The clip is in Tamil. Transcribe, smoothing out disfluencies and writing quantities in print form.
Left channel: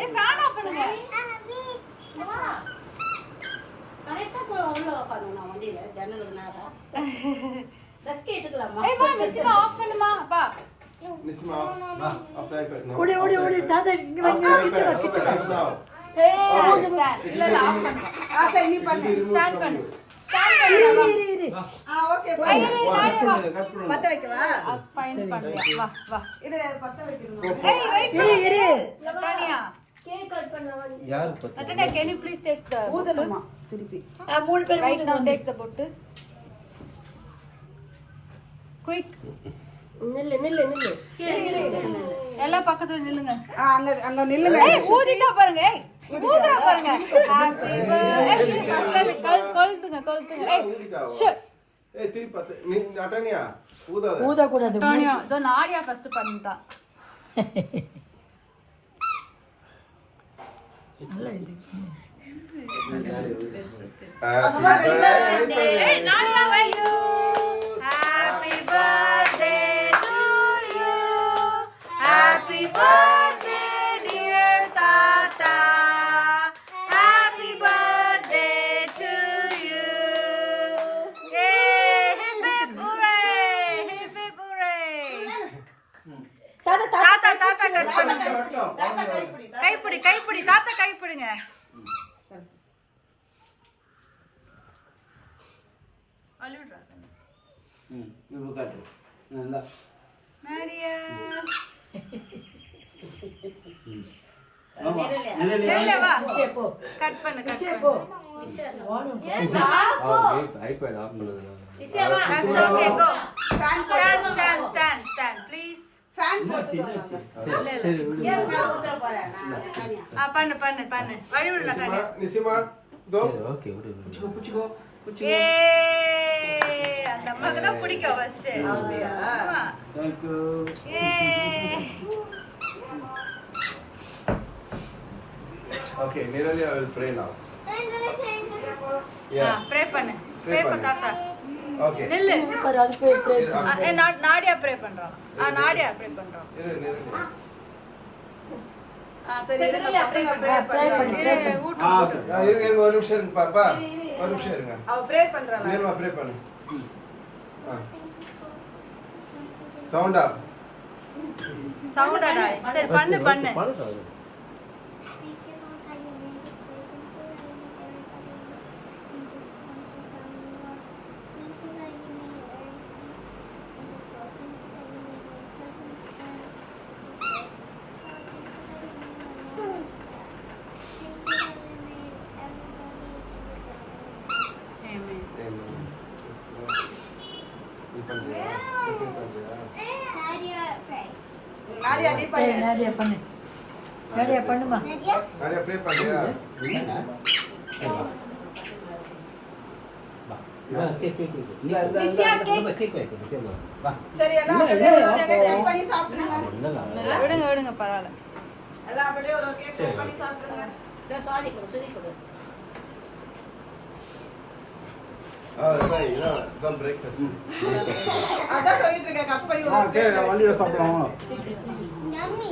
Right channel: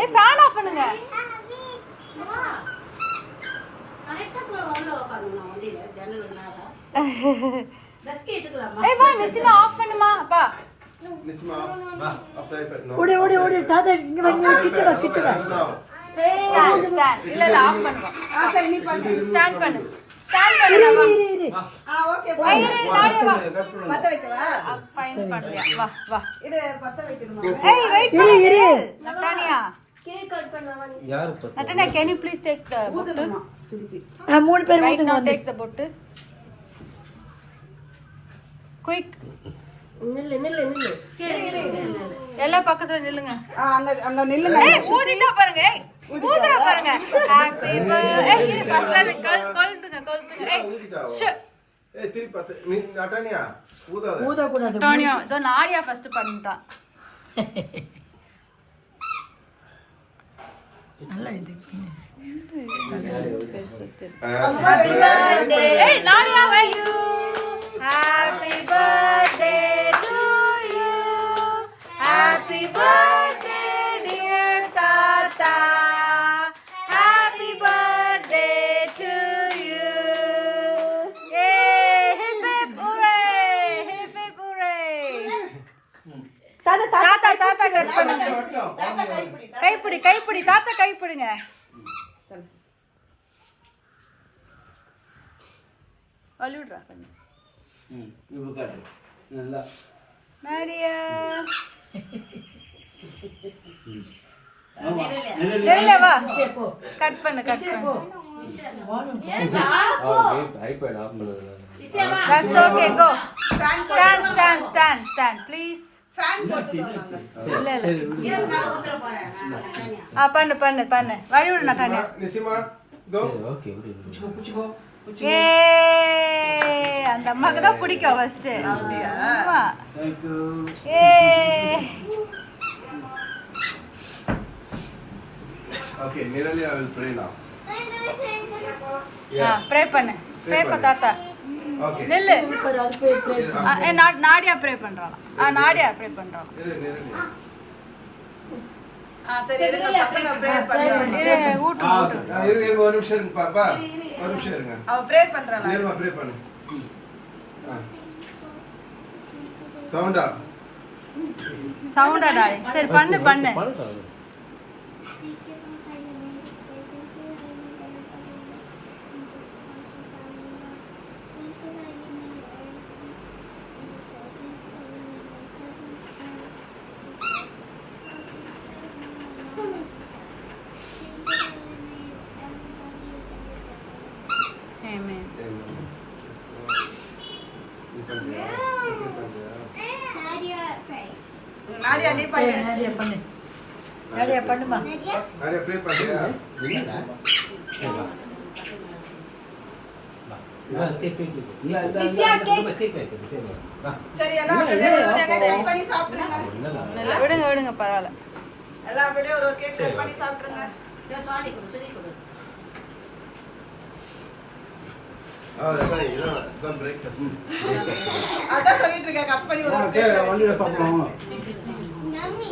ஏய் ஃபேன் ஆஃப் பண்ணுங்க. கரெக்ட்டா போய் உள்ள உட்காருங்க வண்டியில ஜன்னல் மேல. டஸ்க் ஏத்துக்கலாமா? ஏய் வா நிசிமா ஆஃப் பண்ணுமா அப்பா. நிசிமா வா ஆஃப் டைப் நோ. ஓடி தாத்தா இங்க வந்து ஏய் ஸ்டாண்ட் இல்ல ஆஃப் பண்ணுங்க. சரி நீ பண்ணு. ஸ்டாண்ட் பண்ணு. ஸ்டாண்ட் பண்ணு. இரு ஓகே ஏய் இரு நானே வா. பத்த வைக்கவா? ஃபைன் பண்ணியா வா வா. இது பத்த வைக்கணுமா? ஏய் வெயிட் பண்ணு. இரு நட்டானியா. கேக் கட் பண்ணவா? யார் பத்த? நட்டானியா can you please take the ஊதணுமா திருப்பி. மூணு பேர் right now take the bottu. Quick. நில்லு எல்லா பக்கத்துல நில்லுங்க. அங்க நில்லுங்க. ஏய் ஊதிட்டா பாருங்க. ஏய் ஊதுறா பாருங்க. Happy birthday. ஃபர்ஸ்ட் கொல்துங்க. ஏய் ஏய் திருப்பி பத்த நீ நட்டானியா ஊதாத. ஊத கூடாது. டானியா இதோ நாடியா ஃபர்ஸ்ட் பண்ணிட்டா. நல்லா இது. ஏய் Nadia wait. Happy birthday to you. Happy birthday dear Tata. Happy birthday to you. Yay! Hip hip hooray! Hip hip hooray! தாத்தா கட் பண்ணுங்க. கைப்பிடி தாத்தா கைப்பிடிங்க. வலிடுறா கொஞ்சம். இவ்வளவு காட்டு நல்லா மரியா இல்ல வா கட் பண்ணு ஐபேட் ஆஃப் பண்ணுங்க that's okay go stand please fan போட்டு இல்ல ஏன் மேல ஊத்துற போறேன் பண்ணு வழி விடு நட்டானே நிசிமா கோ ஓகே புடிச்சுக்கோ ஏ அந்த அம்மாக்கு தான் பிடிக்கும் ஃபர்ஸ்ட் ஆமா थैंक यू ஏ okay Nirali I will pray now pray பண்ணு தாத்தா ஓகே நில்லு பாரு அது போய் நாடியா ப்ரே பண்றானா நாடியா ப்ரே பண்றானா நிரலி சரி அப்படியே ப்ரே இரு ஊட்டு இருங்க ஒரு நிமிஷம் இருங்க பாப்பா ஒரு நிமிஷம் இருங்க அவ ப்ரே பண்றாளா நிர்மா ப்ரே பண்ணு சவுண்டா சரி பண்ணு Amen. நாடியா நீ பண்ணு நாடியா பண்ணுமா நாடியா ப்ரே பண்ணியா சரி எல்லாம் அப்படியே கட் பண்ணி சாப்பிடுங்க விடுங்க பரவாயில்ல எல்லாம் அப்படியே ஒரு கேக் கட் பண்ணி சாப்பிடுங்க சுவாதி கொடு don't breakfast அதான் சொல்லிட்டு இருக்கேன் கட் பண்ணி ஓகே வண்டியில சாப்பிடலாம் Yummy.